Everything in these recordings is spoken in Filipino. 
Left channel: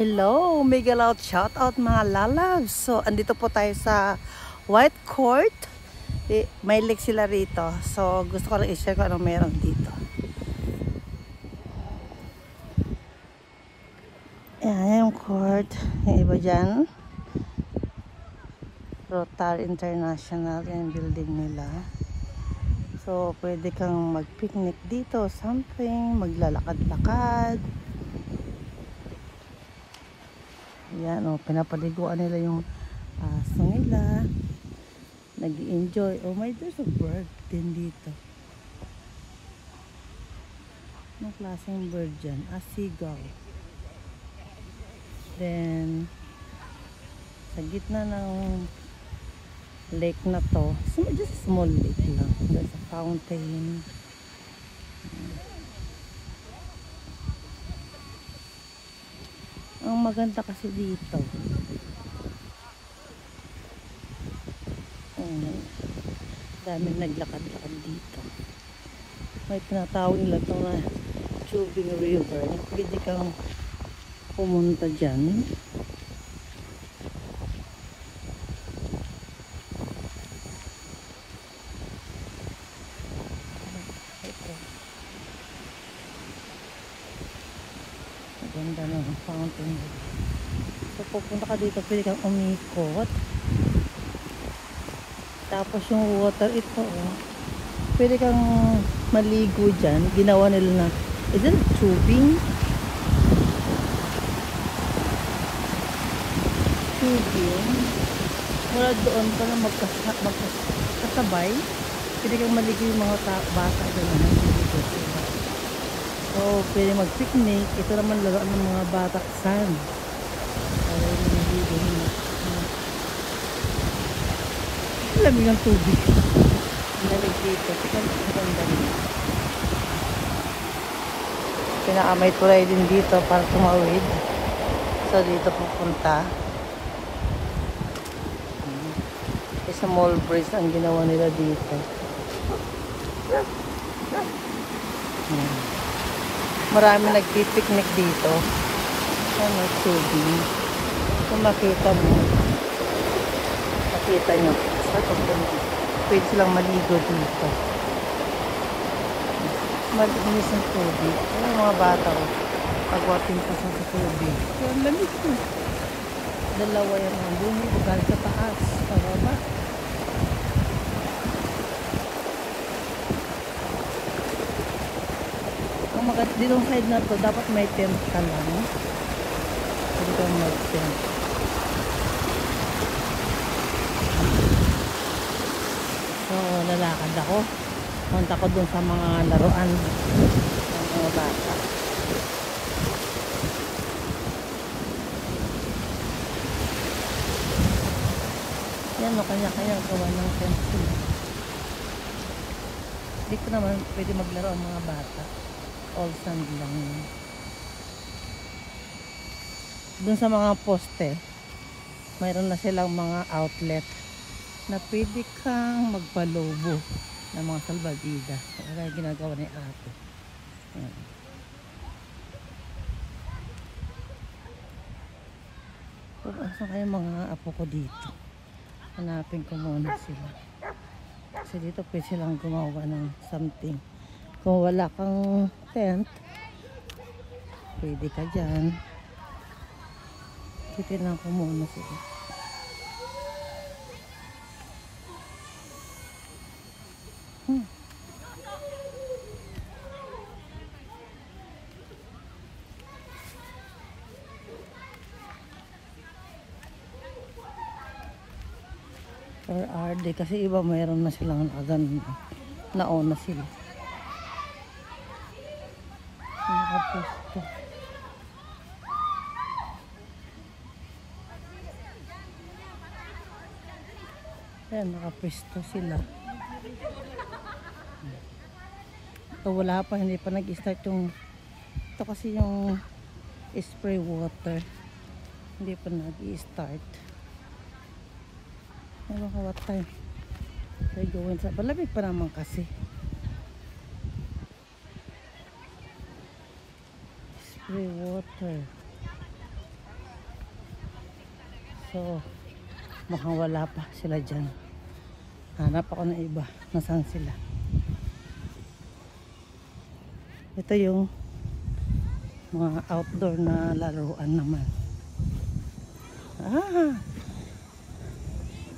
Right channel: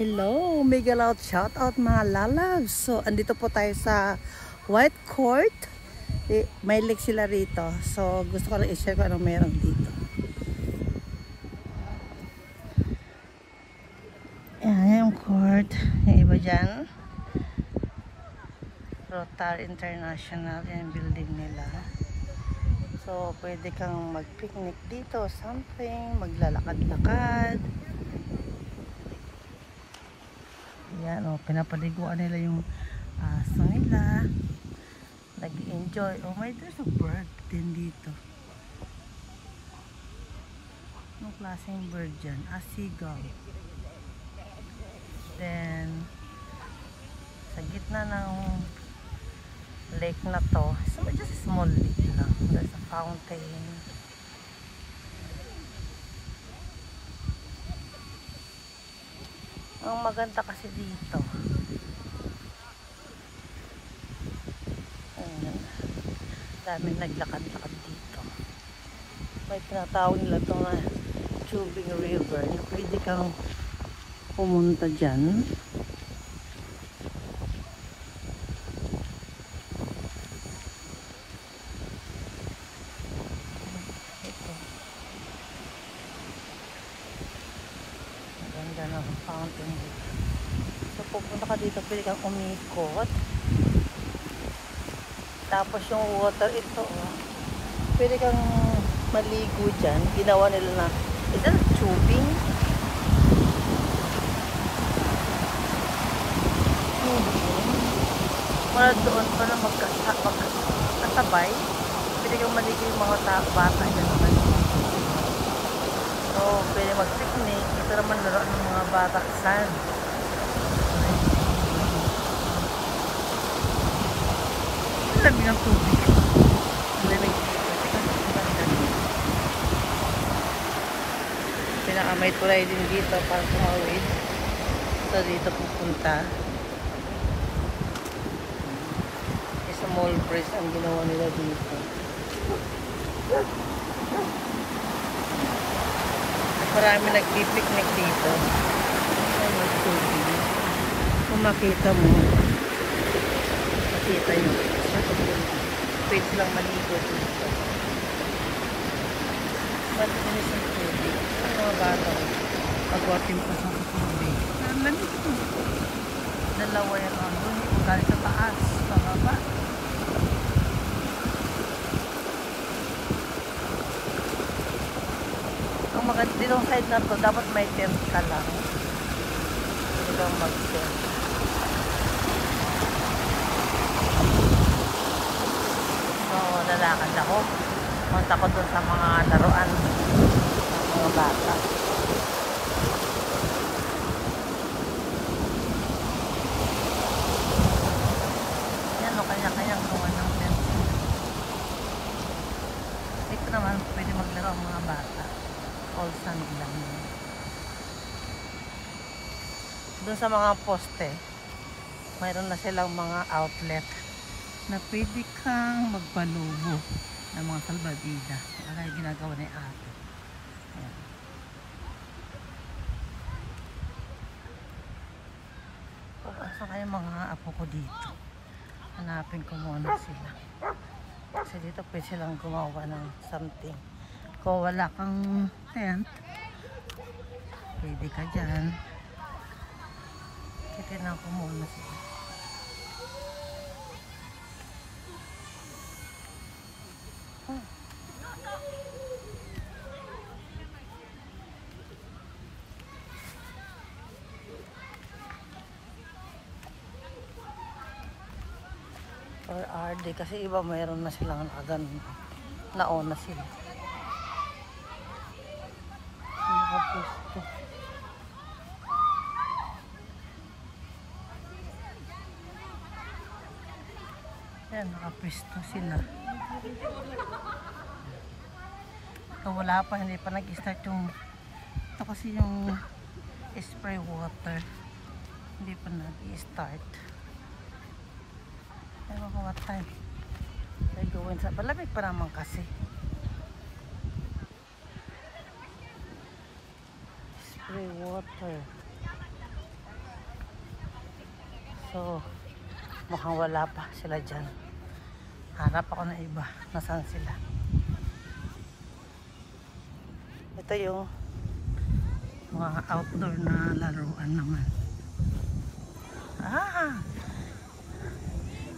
Hello, mega loud shout out mga lalabs. So, andito po tayo sa White Court. May lake sila rito. So, gusto ko lang i-share kung anong meron dito. Ayan yung court. Yung iba dyan. Rotary International. Yan yung building nila. So, pwede kang mag-picnic dito. Something. Maglalakad-lakad. Yan o, pinapaliguan nila yung aso nila. Nag-i-enjoy. Oh my, there's a bird din dito. Anong klaseng bird dyan? A seagull. Then, sa gitna ng lake na to, so just a small lake lang. There's a fountain. Ang maganda kasi dito, daming naglakad-lakad dito. May tinatawag nila ito nga Chubing River. Pwede kang pumunta dyan. Ganda ng fountain. So, pupunta dito, pwede kang umikot. Tapos yung water, ito, pwede kang maligo dyan. Ginawa nila na, is that tubing? Wala doon para magkasabay. Pwede kang maligo yung mga bata na naman. So, pwede mag-picnic. Ito naman laruan ng mga bata. Sand. Lamig ng tubig. Lamig dito. May tulay din dito para tumawid. So, dito pupunta. Small bridge ang ginawa nila dito. Marami nagpipiknik dito. May tubig. Kung makita mo, makita nyo. Pwede silang maligo dito. Malinis ang tubig. Yung mga bata ko, pagwating pa sa tubig. Pero lamig ko. Dalawa yung doon. Kahit sa taas. Pababa. Ditong side na to, dapat may tent ka lang. So, lalakad ako. Punta ko dun sa mga laruan ng bata. Yan o, kanya-kanyang gawa ng tent. Dito naman, pwede maglaro ang mga bata. All sand lang yun. Dun sa mga poste, mayroon na silang mga outlet na pwede kang magpalobo ng mga salbabida. Kaya ginagawa ni ate. Asa kayo mga apo ko dito? Hanapin ko muna sila. Kasi dito pwede silang gumawa ng something. Kung wala kang tent, pwede ka dyan. Titignan ko muna sila. Where are they? Kasi iba mayroon na silang agad. Nauna sila. Yan, nakapesto sila. Ito wala pa, hindi pa nag-start yung ito kasi yung spray water. Hindi pa nag-start. Ano ka, what time? Ay gawin sa palapit pa naman kasi. Spray water. Mukhang wala pa sila dyan. Hanap ako ng iba. Nasaan sila? Ito yung mga outdoor na laruan naman.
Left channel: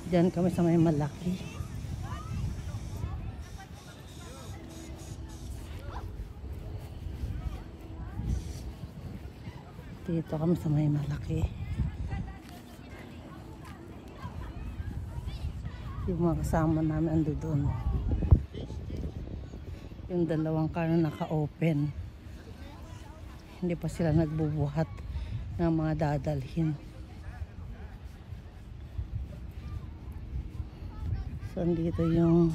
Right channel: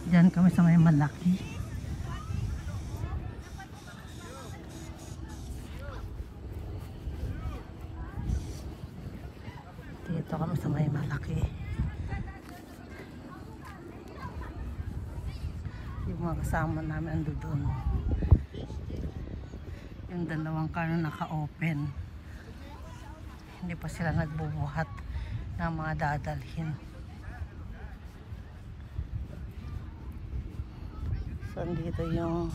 Diyan kami sa may malaki. Dito kami sa may malaki. Yung mga kasama namin ando doon. Yung dalawang car na naka-open. Hindi pa sila nagbubuhat ng mga dadalhin. So, dito yung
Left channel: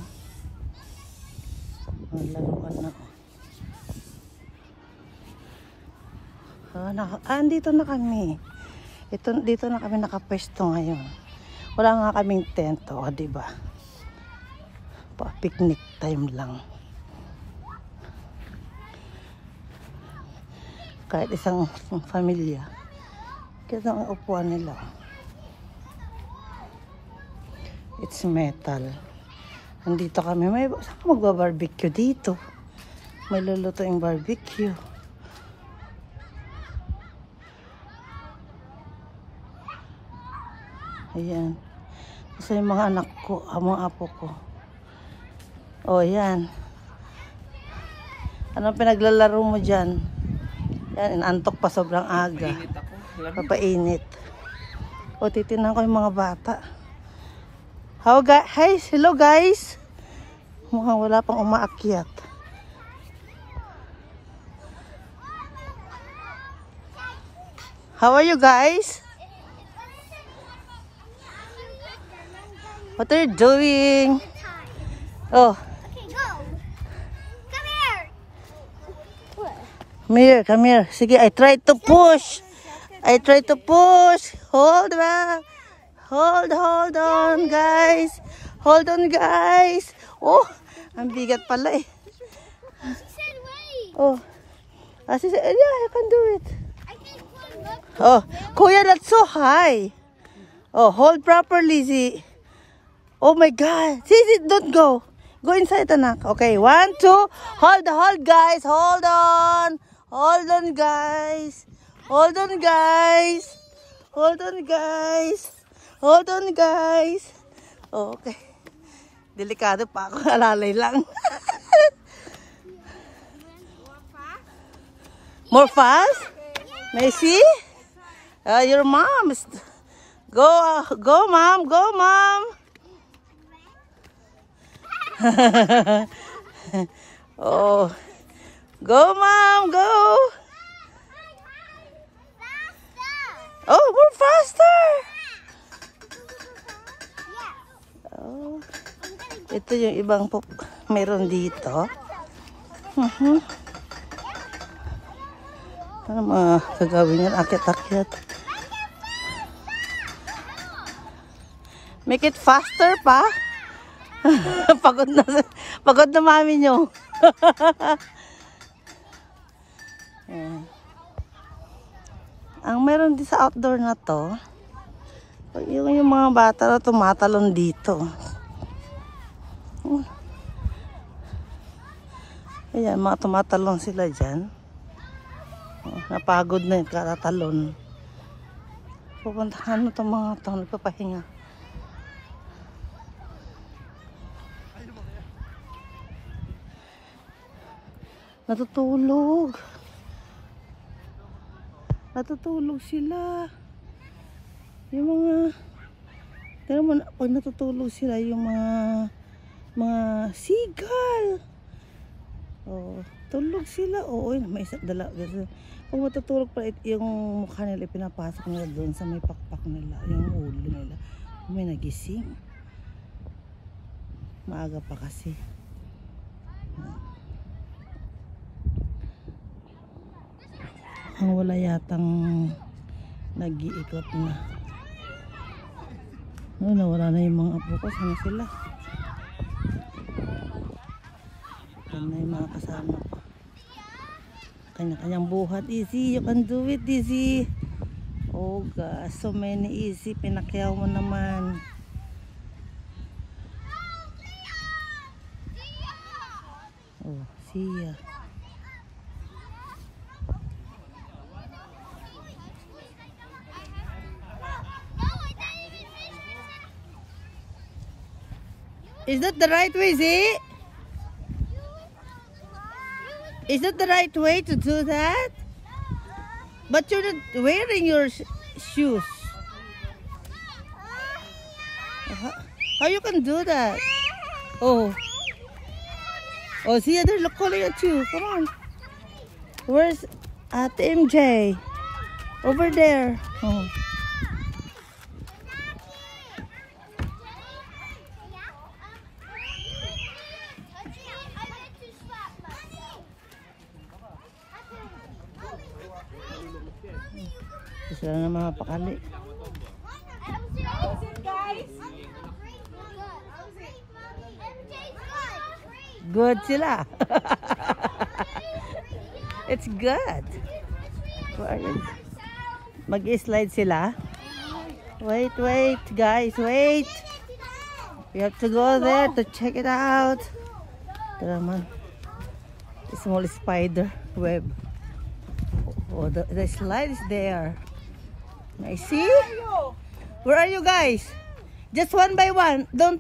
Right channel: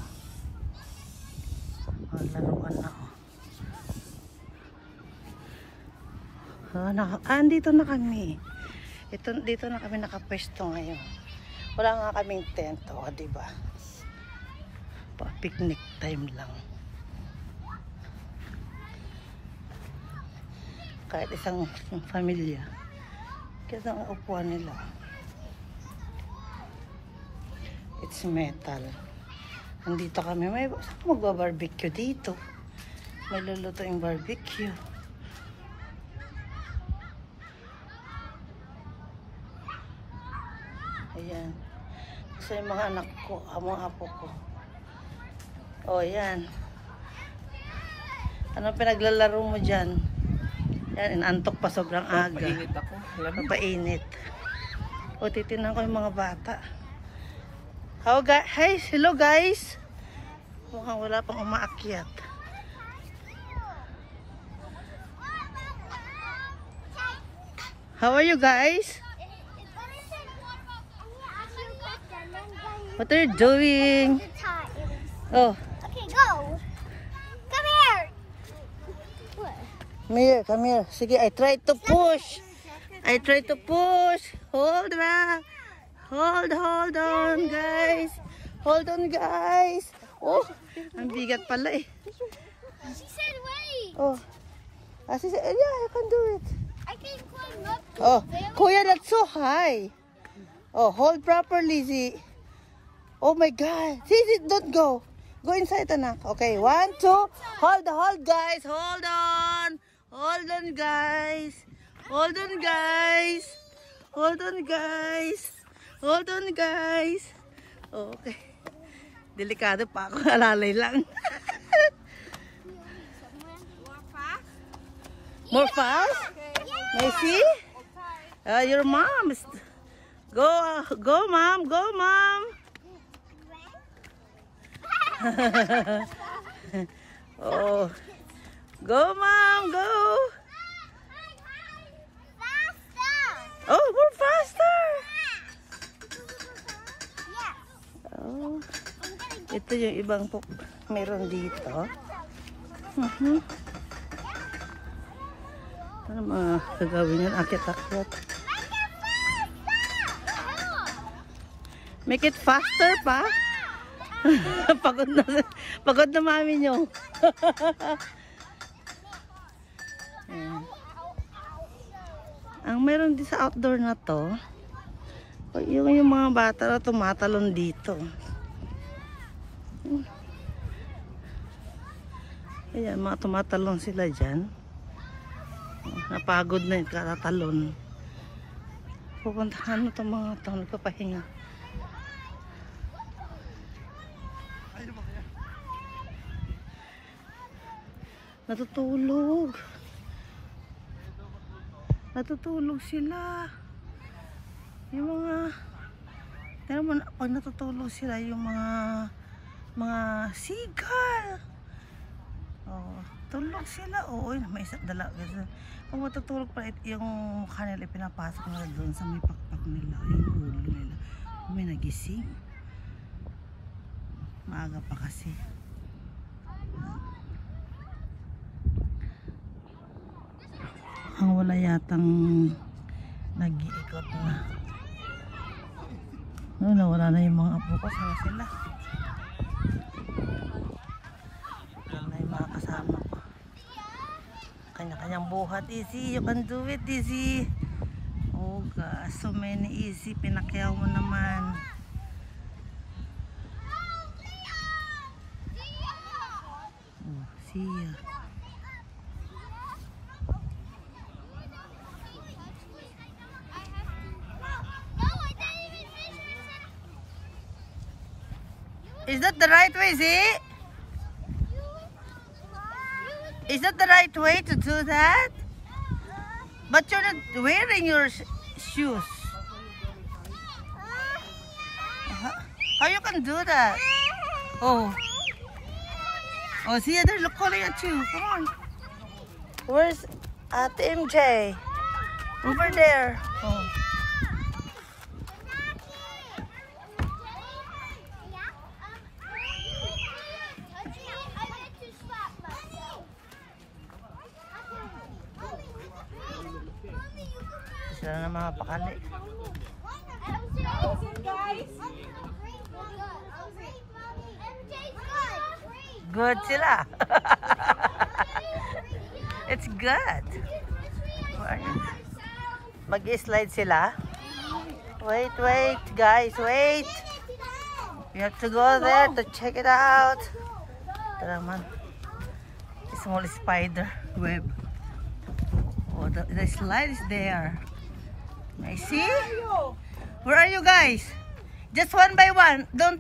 laruan na. Andito na kami. Dito na kami nakapwesto ngayon. Wala nga kaming tent, diba? Pa-picnic time lang. Kahit isang pamilya. Ito ang upuan nila. It's metal. Andito kami. Saan magba-barbecue dito? May luluto yung barbecue. Ayan. Kasi yung mga anak ko, mga apo ko. O, yan. Anong pinaglalaro mo dyan? Yan, inantok pa sobrang aga. Papainit ako. Papainit. O, titinan ko yung mga bata. Hi, hello guys. Mukhang wala pang umaakyat. How are you guys? What are you doing? Oh. Okay, go. Come here. Come here. Sige, I try to push. Hold back. Hold on, guys. Hold on, guys. Oh, ang bigat pala eh. Oh. She said, yeah, I can do it. I can climb up. Oh, Kuya, that's so high. Oh, hold properly, Z. Oh my God. See, don't go. Go inside, anak. Okay, 1, 2. Hold, guys. Hold on, guys. Oh, okay. Delikado pa ako. Alalay lang. More fast? Messi? Your mom. Go, mom. Oh, go, mom, go. Faster. Oh, more faster. Yeah. Oh, I'm gonna ito yung ibang meron dito. Ano mga gagawin yan? Akit-akit. Make it faster pa. Pagod na mami nyo. Ang meron din sa outdoor na to, yung mga bata na tumatalon dito. Ayan, mga tumatalon sila dyan. Napagod na yung katatalon. Pupuntahan mo itong mga ito, nagpapahinga. Natutulog sila. Yung mga pero pag natutulog sila yung mga seagull. Oh, tulog sila. Oo, may isa dala. Kung matutulog pa yung mukha nila, pinapasok nila doon sa may pakpak nila, yung ulo nila. May nagising. Maaga pa kasi. Ang wala yatang nag-iikot na. No, nawala na yung mga apo ko. Saan sila? Wala na yung mga kasama ko. Kanya-kanyang buhat. Easy, you can do it, easy. Oh gosh, so many easy. Pinakyaw mo naman. Oh, siya. Is that the right way, Z? Is that the right way to do that? But you're not wearing your shoes. How you can do that? Oh. Oh, see, they're looking at you. Come on. Where's at MJ? Over there. Oh. Isa na mga pakali. Good sila. It's good. Mag-slide sila. Wait, wait, guys, wait. We have to go there to check it out. Ito naman. Small spider web. Oh, the slide is there. I see. Where are you guys? Just one by one. Don't.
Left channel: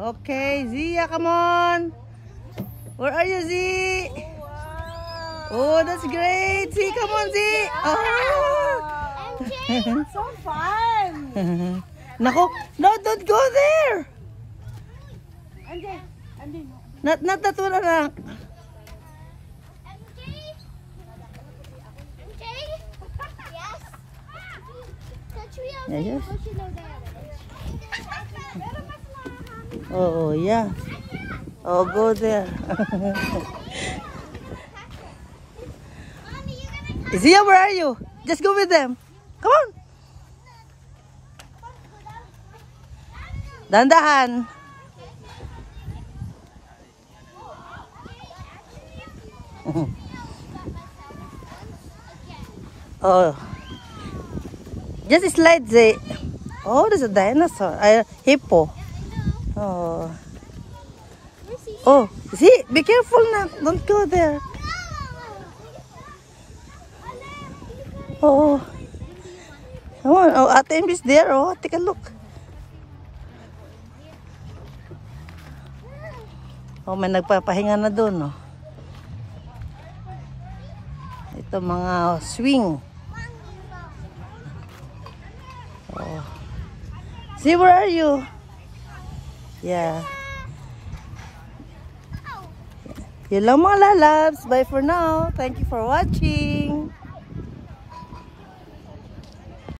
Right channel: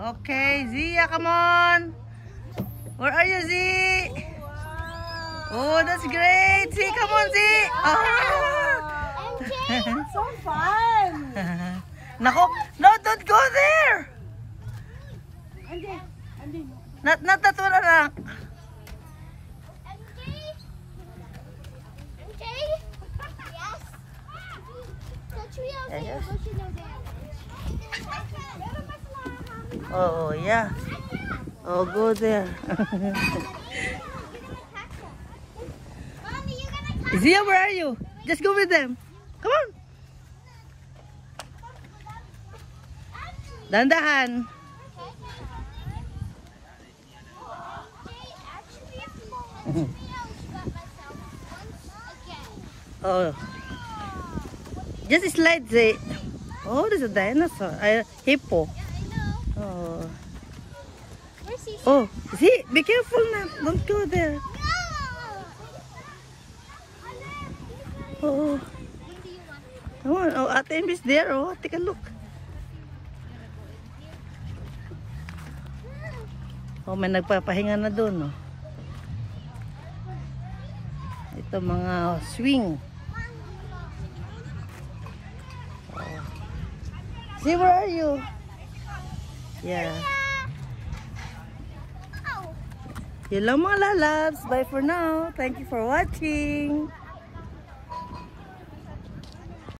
Okay, Zia, come on. Where are you, Z? Oh, that's great. Z, come on, Z. Oh. So fun. Naku, no, don't go there. Not that one, anak. Yes. Oh, yeah. Oh, go there. Zia, where are you? Just go with them. Come on. Dandahan. Oh. Just slide the. Oh, there's a dinosaur. A hippo. Oh. Oh, see, be careful now. Don't go there. Oh. Come on. Oh, Ate Em is there. Oh, take a look. Oh, may nagpapahinga na doon, oh. Ito mga swing. Oh. See, where are you? Yeah. Yun lang mga lalabs. Bye for now. Thank you for watching.